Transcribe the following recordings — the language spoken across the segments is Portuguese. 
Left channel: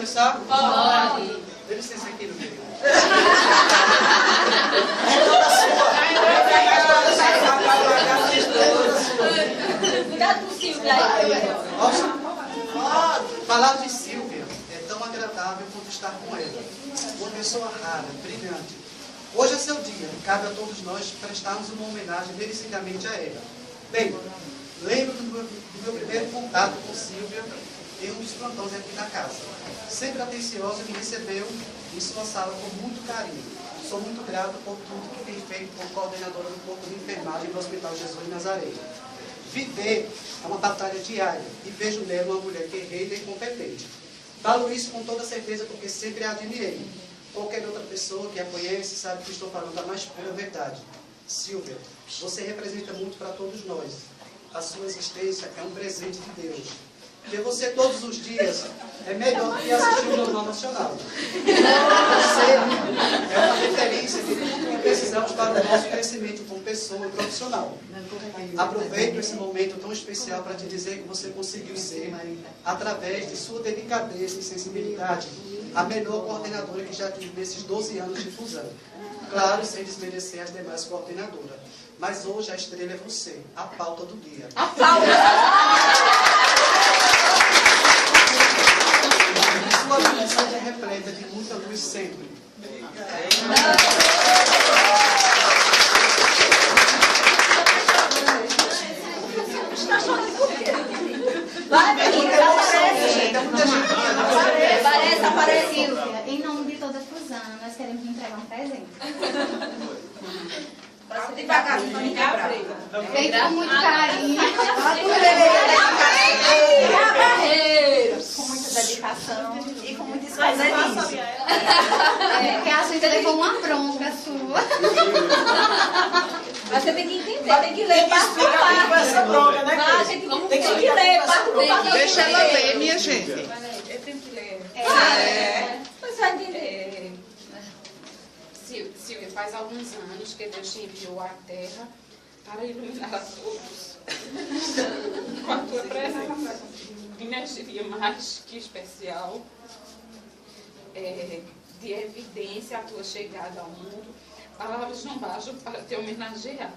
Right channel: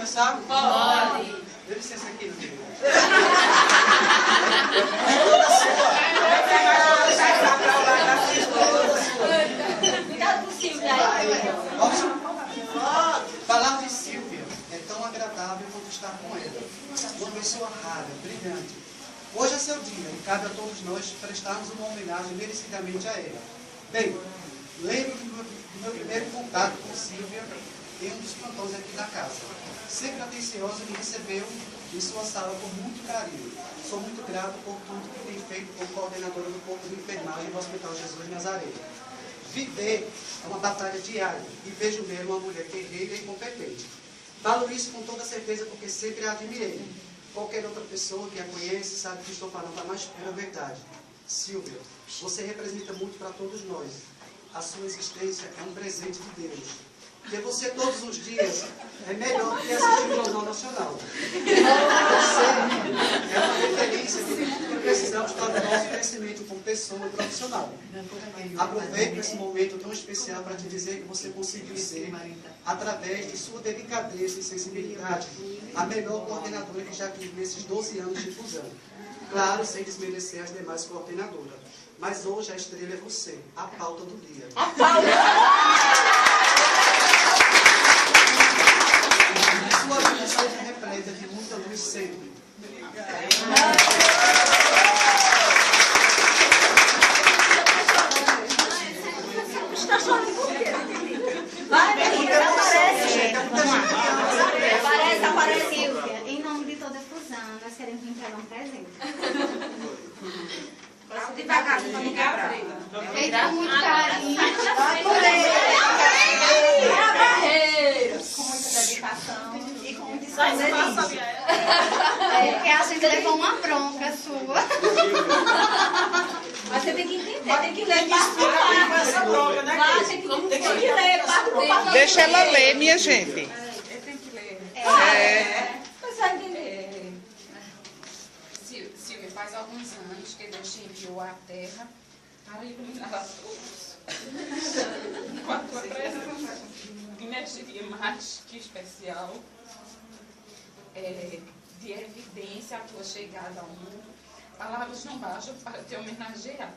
começar? Pode. Dê licença aqui, meu querido. Cuidado com o Silvio aí. Falar de Silvia é tão agradável quanto estar com ela. Uma pessoa rara, brilhante. Hoje é seu dia. Cabe a todos nós prestarmos uma homenagem merecidamente a ela. Bem, lembro do meu primeiro contato com Silvia em um dos plantões aqui na casa. Sempre atenciosa, me recebeu em sua sala com muito carinho. Sou muito grato por tudo que tem feito como coordenadora do corpo de enfermagem do Hospital Jesus de Nazaré. Viver é uma batalha diária e vejo nela uma mulher guerreira e competente. Falo isso com toda certeza porque sempre a admirei. Qualquer outra pessoa que a conhece sabe que estou falando a mais pura verdade. Silvia, você representa muito para todos nós. A sua existência é um presente de Deus. Ter você todos os dias é melhor do que assistir o Jornal Nacional. Você é uma referência de tudo que precisamos para o nosso crescimento como pessoa e profissional. Aproveito esse momento tão especial para te dizer que você conseguiu ser, através de sua delicadeza e sensibilidade, a melhor coordenadora que já tive nesses 12 anos de fusão. Claro, sem desmerecer as demais coordenadoras. Mas hoje a estrela é você, a pauta do dia. A pauta! Sua vida seja repleta de muita luz sempre. Vai, menina, aparece. Aparece, Silvia. Em nome de toda a fusão, nós queremos te entregar um presente. Tem que pagar aqui para ligar. Feito com muito carinho. Com muita dedicação e com muita esconderijo. Porque a gente levou uma bronca sua. Mas você tem que entender, tem que ler passo por passo. Vai, gente, tem que ler passo por passo. Deixa ela ler, minha gente. Eu tenho que ler. Mas vai entender. Silvia, faz alguns anos que Deus te enviou à Terra para iluminar a todos com a tua presença. Energia mais que especial, de evidência a tua chegada ao mundo. Palavras não bastam para te homenagear.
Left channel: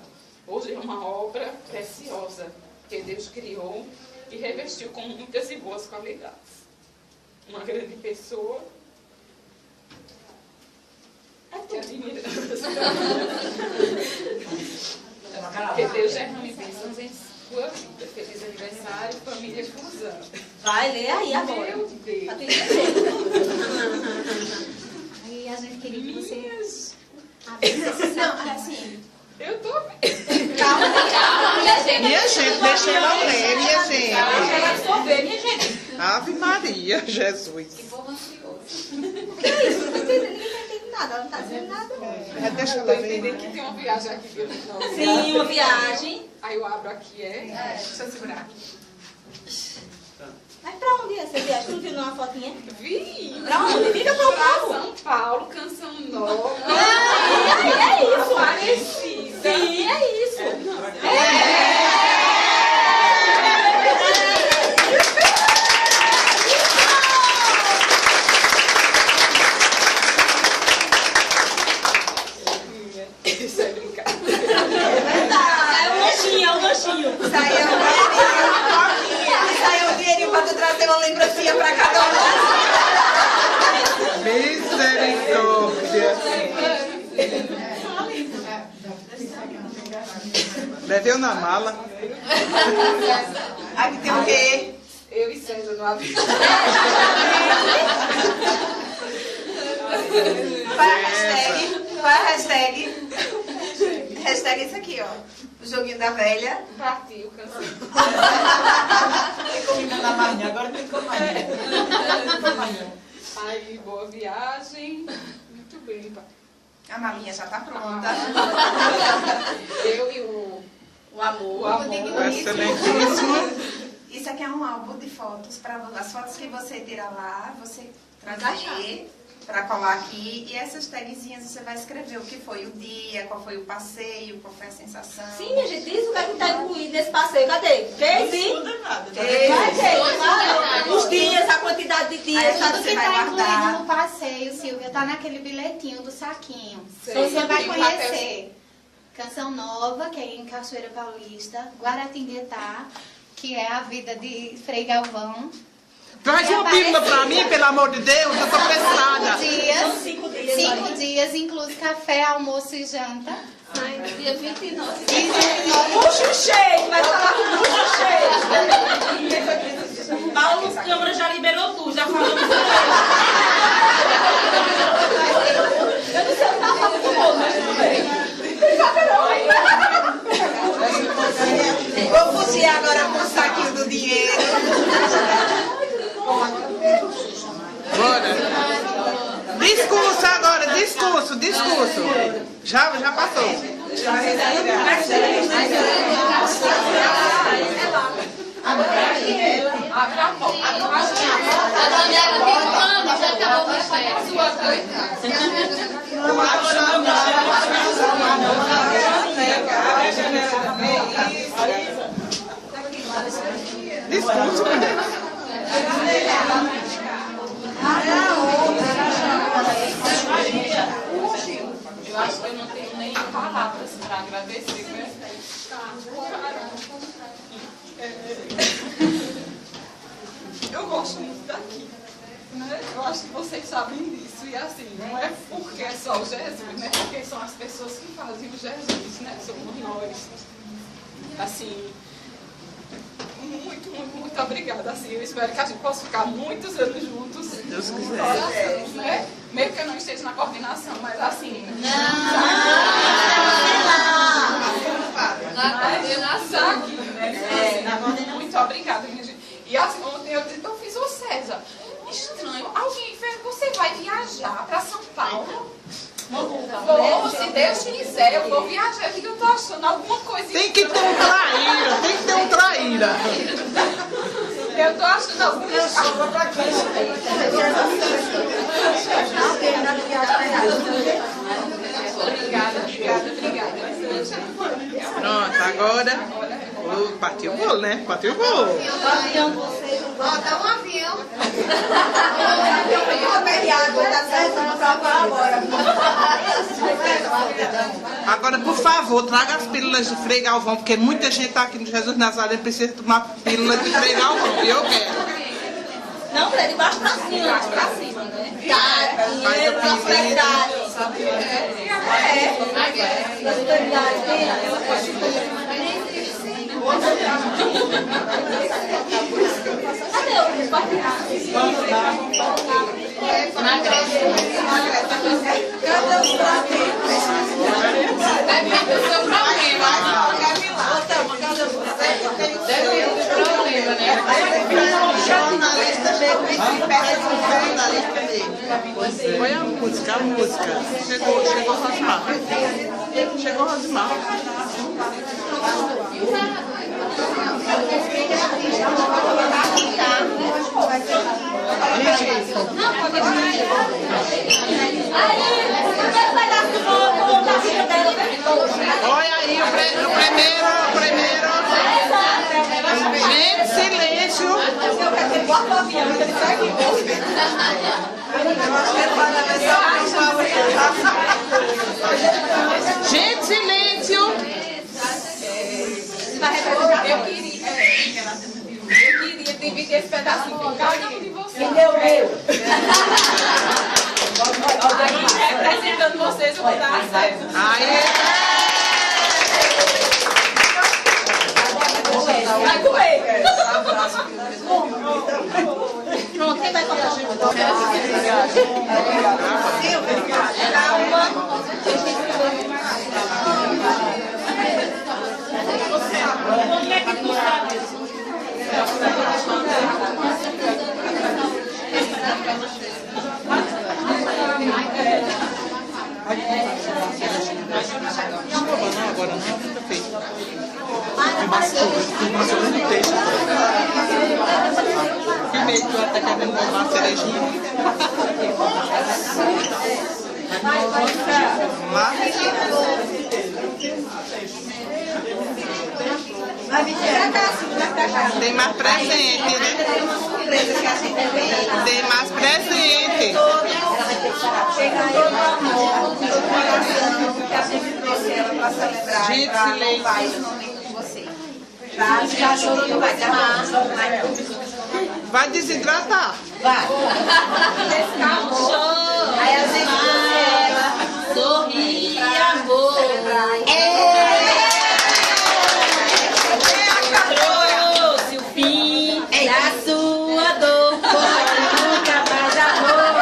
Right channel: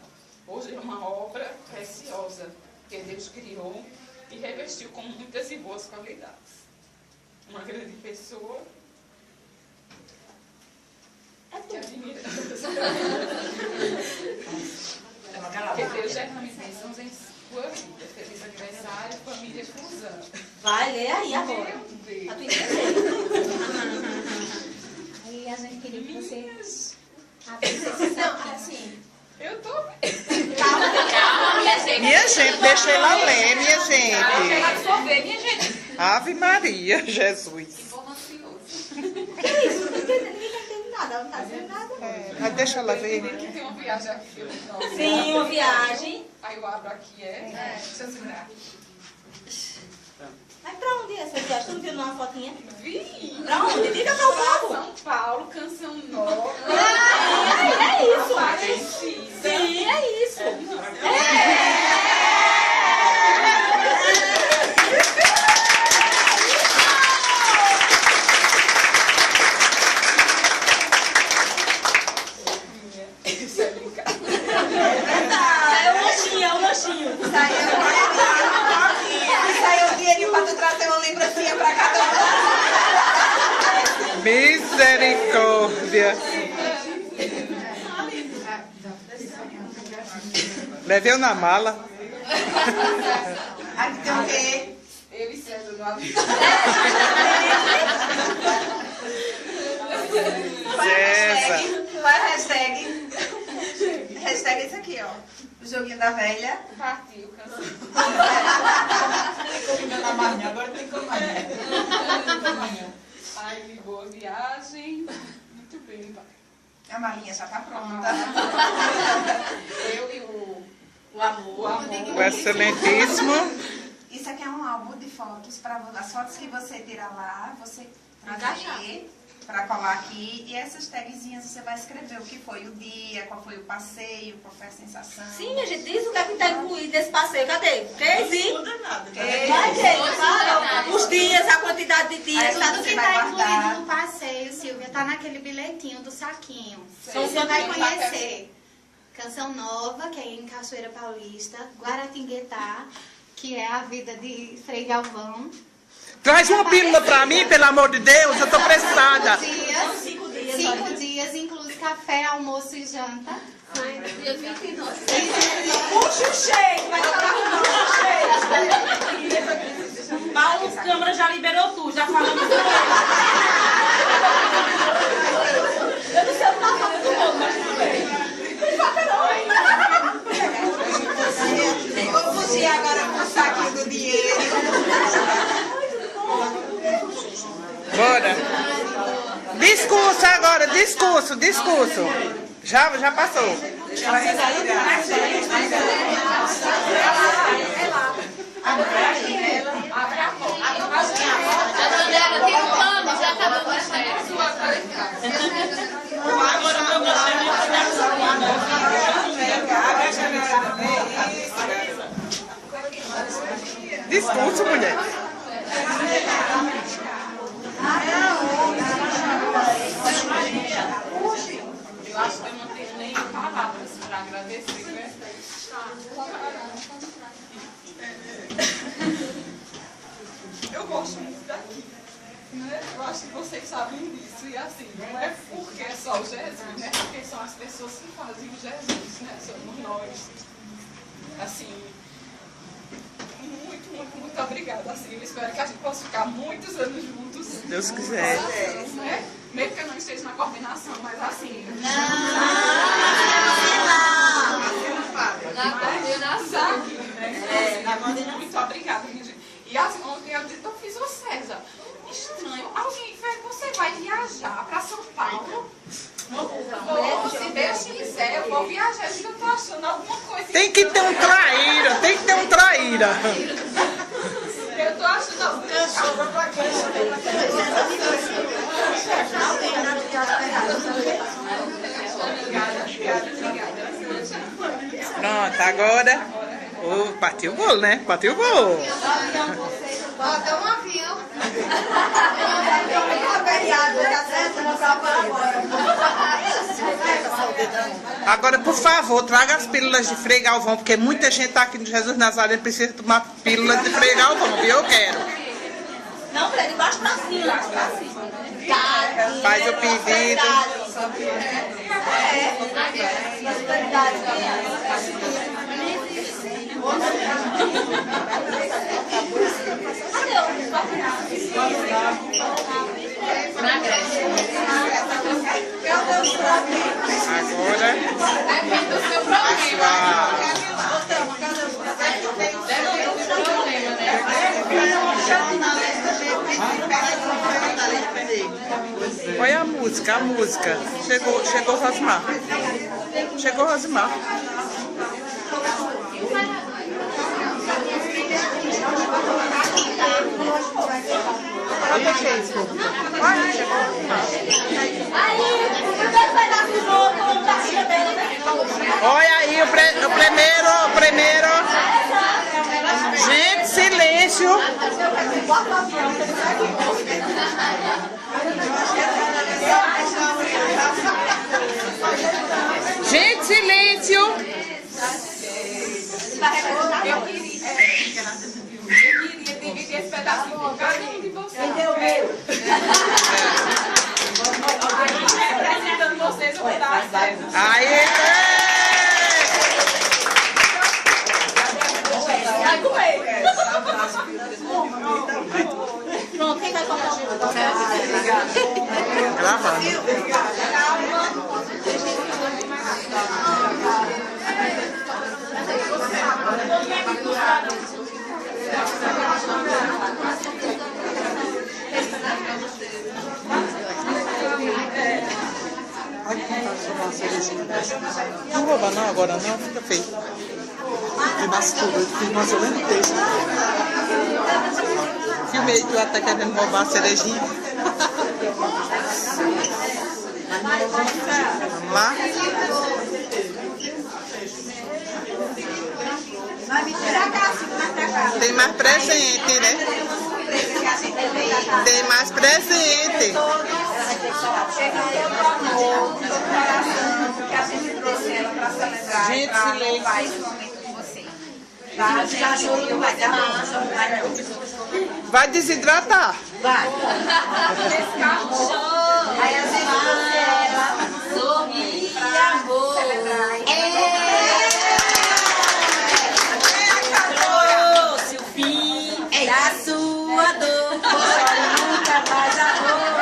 Hoje é uma obra preciosa que Deus criou e revestiu com muitas e boas qualidades. Uma grande pessoa que admiramos. Que Deus derrame bênçãos em sua vida. Feliz aniversário, família Fusão. Vai ler aí agora. Meu Deus. Pra tu entender. Aí a gente queria que você... Não, assim, Eu tô bem. Calma, minha gente. Minha gente, deixa ela ler, minha Deixa gente. ela absorver, minha gente. Ave Maria, Jesus. Povo ansioso. Que isso? Ninguém tá entendendo nada. Ela não tá dizendo nada. Mas deixa ela ler. Tem uma viagem aqui que eu não. Sim, uma viagem. Aí eu abro aqui, deixa eu segurar. Mas pra onde é essa viagem? Tu não viu numa fotinha? Vi! Pra onde? Diga pra onde? São Paulo, Canção Nova. É isso. Parecida. Sim, é isso. Isso é brincadeira. É o lanchinho. isso aí é um dinheirinho pra tu trazer uma lembrancinha pra cada um. Misericórdia. Leveu na mala. Aqui tem o quê? Eu e César no avião. Qual é a hashtag? Qual é a hashtag? Hashtag isso aqui, ó. O joguinho da velha. Partiu, Canção. Agora tem como Aí, boa viagem. Muito bem, pai. A malinha já tá pronta. Eu e o amor. O excelentíssimo. Isso aqui é um álbum de fotos. As fotos que você tira lá, você trazer para colar aqui. E essas tagzinhas você vai escrever o que foi o dia, qual foi o passeio, qual foi a sensação. Sim, minha gente, diz o que é que tá incluído nesse passeio. Cadê? Diz, hein? Tudo é nada. Vai, gente, fala. Os dias, a quantidade de dias. Tudo que tá lá naquele bilhetinho do saquinho. Sim. Você vai Sim. conhecer Canção Nova, que é em Cachoeira Paulista, Guaratinguetá, que é a vida de Frei Galvão. Traz uma pílula pra mim, pelo amor de Deus, eu tô precisada. 5 dias. 5 dias, inclui café, almoço e janta. Dia 29. Puxa o shake, vai falar com o shake. Paulo Câmara já liberou tudo, já falamos com ele. Eu não sei o que tá falando com o outro, mas tudo bem. Vou fugir agora com o saquinho do dinheiro. Bora. Discurso agora, discurso. Já passou. Discurso, mulher. Eu acho que eu não tenho nem palavras para agradecer, né? Eu gosto muito daqui, né? Eu acho que vocês sabem disso. E assim, não é porque é só o Jesus, né? Porque são as pessoas que fazem o Jesus, né? Somos nós. Assim, muito obrigada. Assim, eu espero que a gente possa ficar muitos anos juntos. Deus quiser. Né? Mesmo que eu não esteja na coordenação, mas assim. Na coordenação. Muito obrigada, minha gente. E assim, ontem eu fiz o César. Estranho. Alguém fez, você vai viajar para São Paulo? Vou, se Deus quiser, eu vou viajar. Eu tô achando alguma coisa. Tem que ter um traíra. Eu tô achando alguma coisa. Obrigada. Pronto, agora. Partiu o bolo, né? Partiu o bolo. Bota um avião. Agora, por favor, traga as pílulas de Frei Galvão, porque muita gente tá aqui no Jesus Nazaré precisa tomar pílula de Frei Galvão, e eu quero. Não, Frei, de baixo pra cima. Faz o pedido. Olha a música. Chegou Rosimar. Chegou Rosimar. Olha aí o primeiro. Gente, silêncio. Gente, silêncio. Eu queria dividir esse pedacinho com cada um de vocês. Aí, representando vocês, eu vou dar a César. Aí. Vai comer. Pronto, quem vai colocar? Não rouba não, agora não, fica feio. Filmei tu até querendo roubar a cerejinha. Mas... Tem mais presente, né? Tem mais presente. revivar esse momento com você. Tá? Já chorou demais, tá bom, choro mais não. Vai desidratar. Vai. Chora. Aí a gente Sorri, amor. Trouxe o fim da sua dor. Nunca mais amor.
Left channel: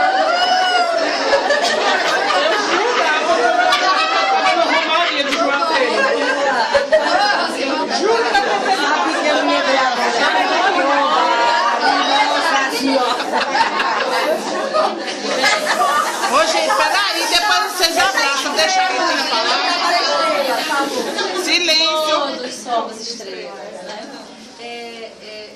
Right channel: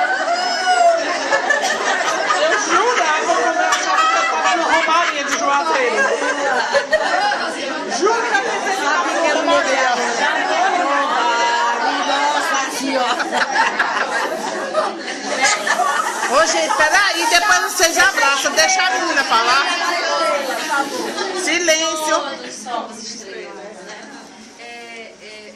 Eu jurava que eu estava no Romaria de Juazeiro. Juro que eu Sabe que eu me lembro. Nossa Senhora. Ô, gente, peraí, depois vocês abraçam. Deixa a menina falar. Silêncio. Todos somos estrelas, né?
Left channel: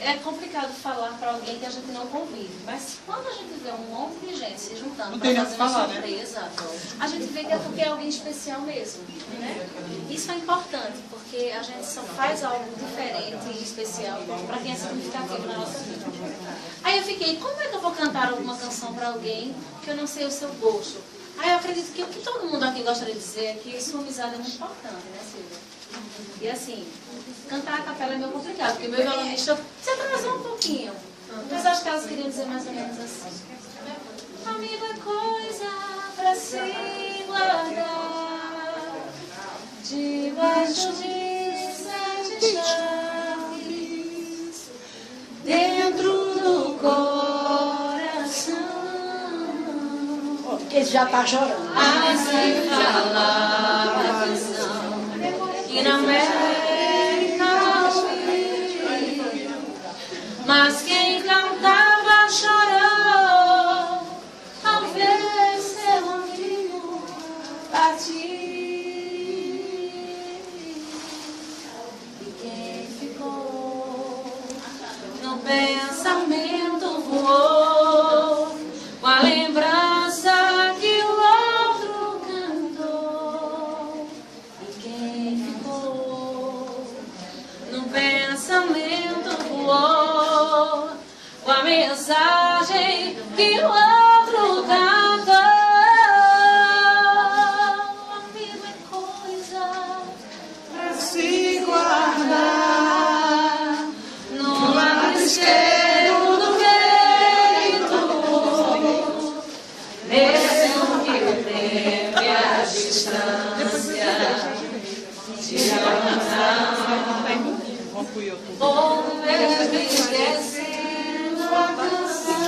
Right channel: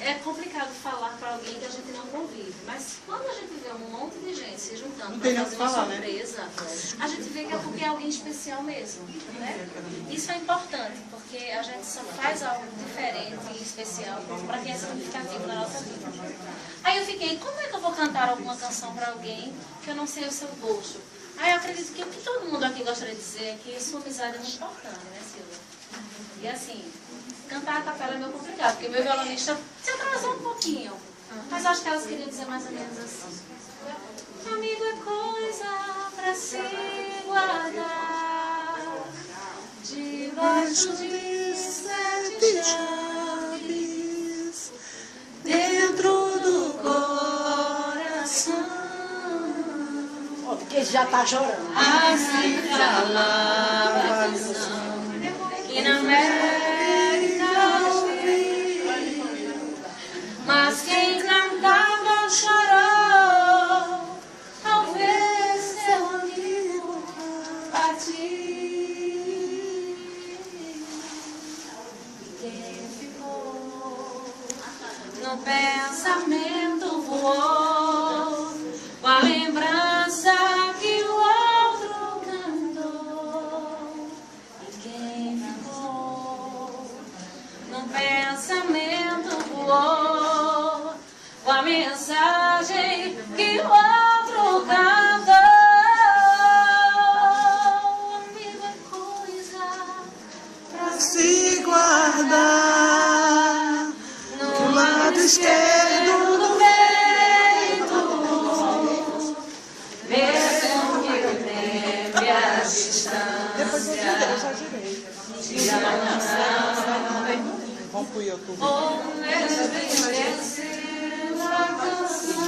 É complicado falar para alguém que a gente não convive, mas quando a gente vê um monte de gente se juntando para fazer uma surpresa, a gente vê que é porque é alguém especial mesmo, né? Isso é importante, porque a gente só faz algo diferente e especial para quem é significativo na nossa vida. Aí eu fiquei, como é que eu vou cantar alguma canção para alguém que eu não sei o seu gosto? Aí eu acredito que o que todo mundo aqui gostaria de dizer é que sua amizade é muito importante, né, Silvia? E assim, cantar a capela é meio complicado, porque meu violonista se atrasou um pouquinho. Mas acho que elas queriam dizer mais ou menos assim. Amigo é coisa pra se guardar debaixo de 7 chaves dentro do coração. Porque ele já tá chorando. Assim falava a canção que na América ouvi, mas quem cantava chorou ao ver seu amigo partir. E quem ficou no pensamento voou com a lembrança que o outro cantou. E quem ficou no pensamento voou com a mensagem que o outro cantou. Amigo é coisa pra Se guardar no lado esquerdo do peito, mesmo que o tempo e a distância te ou mesmo esquecendo a canção.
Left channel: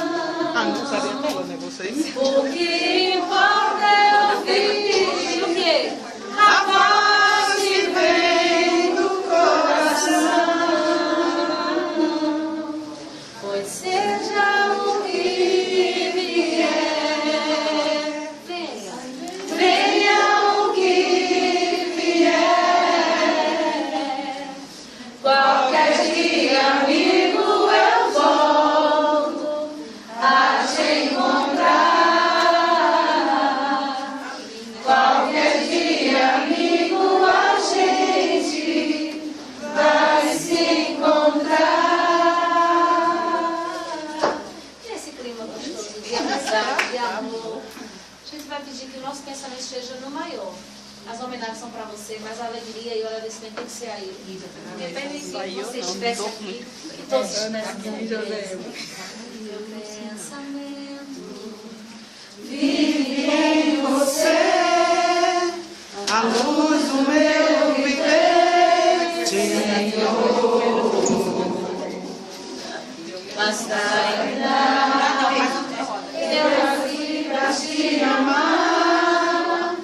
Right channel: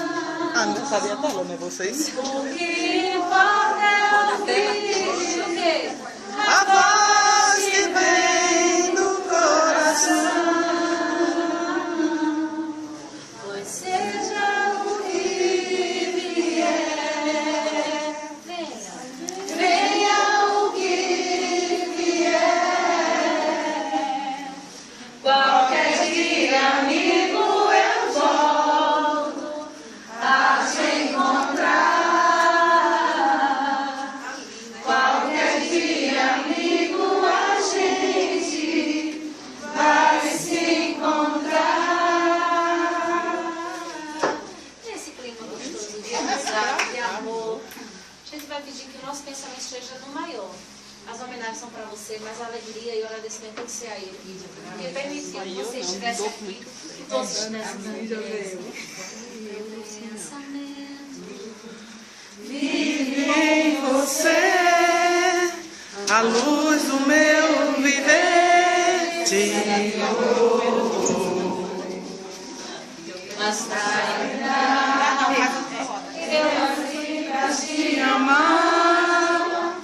Ah, não sabia como, né, vocês? O que importa é ouvir o quê? A voz que vem do coração. Pois seja o que vier, venha o que vier. Qualquer dia, amigo, eu volto a te encontrar. Qualquer dia, amigo, a gente vai se encontrar. Nesse clima gostoso de amizade, de amor, a gente vai pedir que o nosso pensamento esteja no maior. As homenagens são para você, mas a alegria e o agradecimento tem que ser a ele, filha. Porque permitiu que você estivesse aqui, que todos estivessem aqui. Meu pensamento vive Em você, a luz do meu viver te basta entrar, pelas vidas te amar,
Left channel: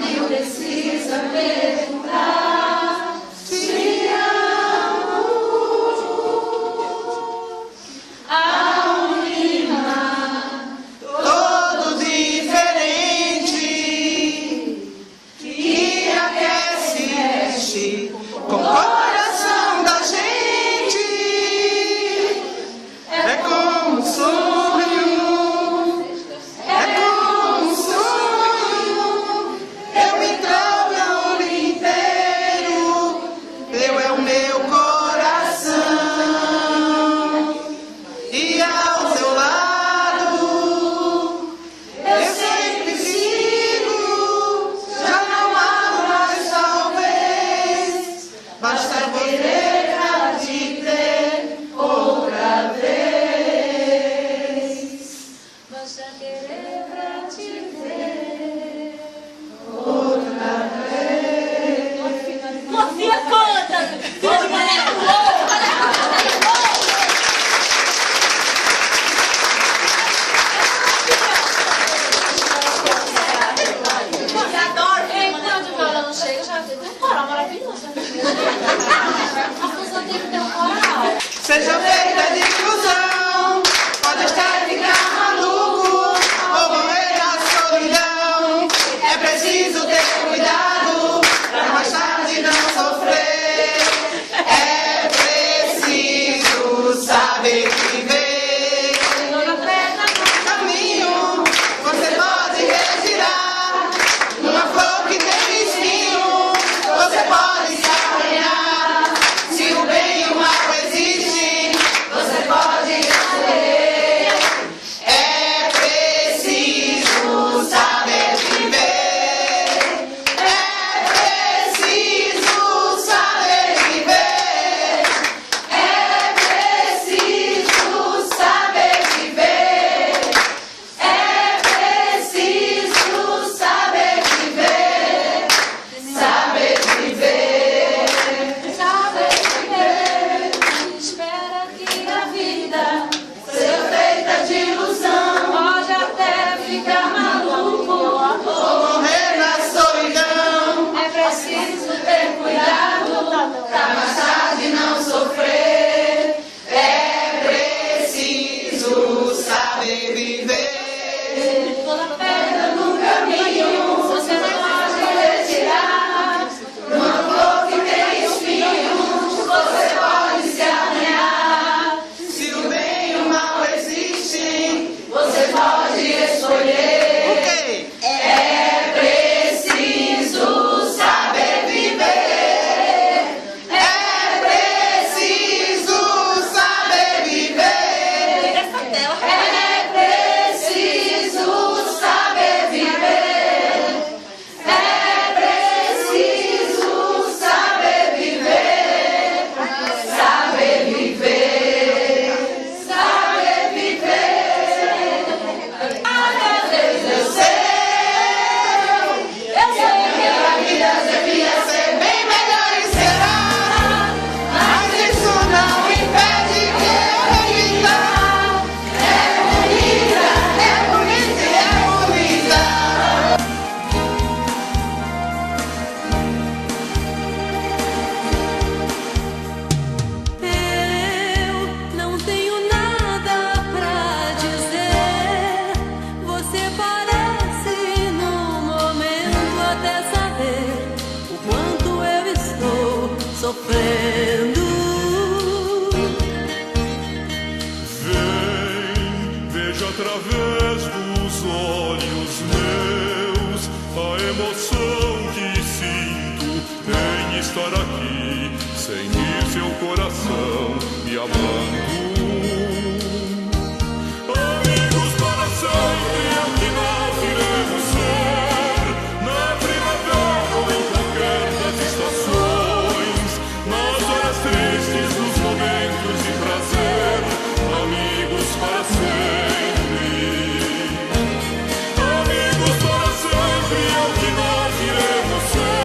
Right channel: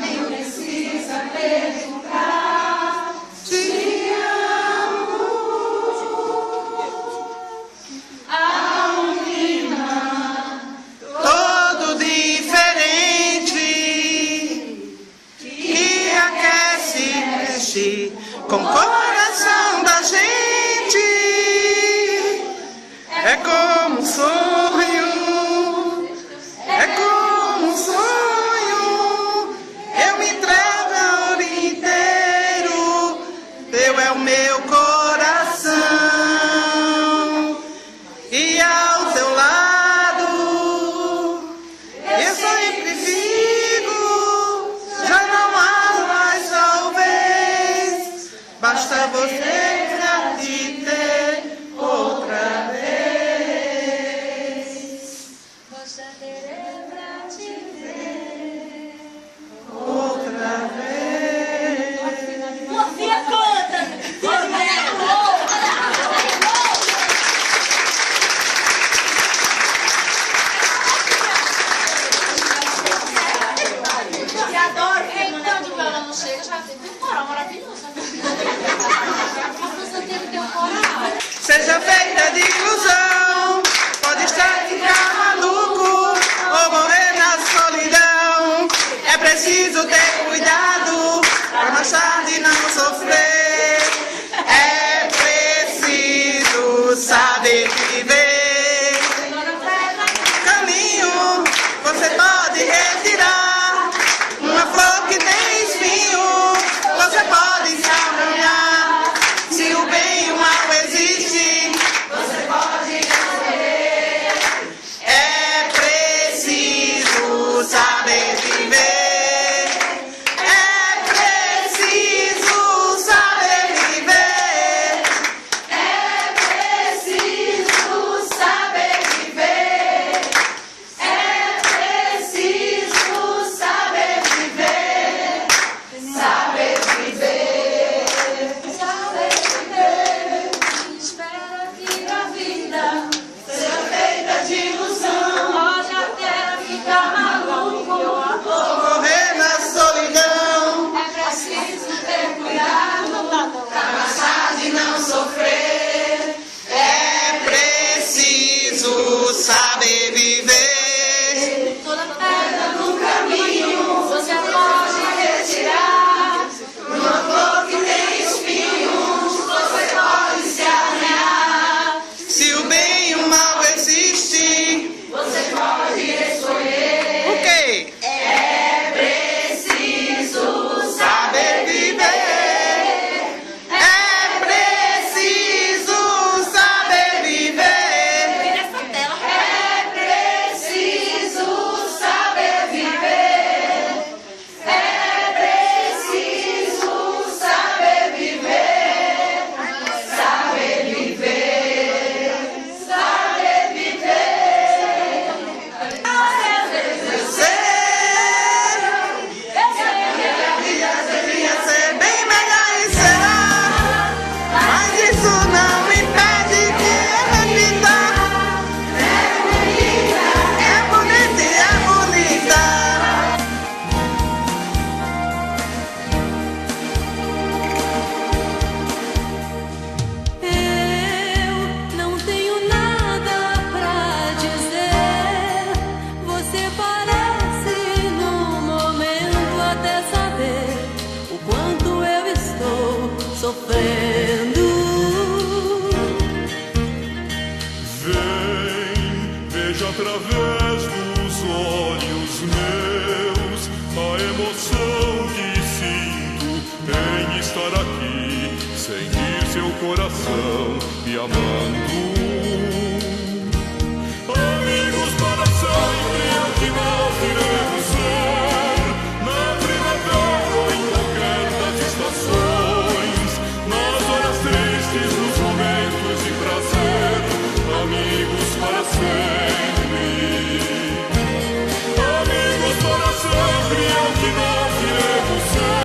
nem precisa perguntar, te amo. Ao rimar, todo diferente que aquece, mexe com o coração da gente. É como um sonho, é como um sonho. Eu me entrego, eu me entrego. através dos olhos meus a emoção que sinto em estar aqui, sentir seu coração me amando.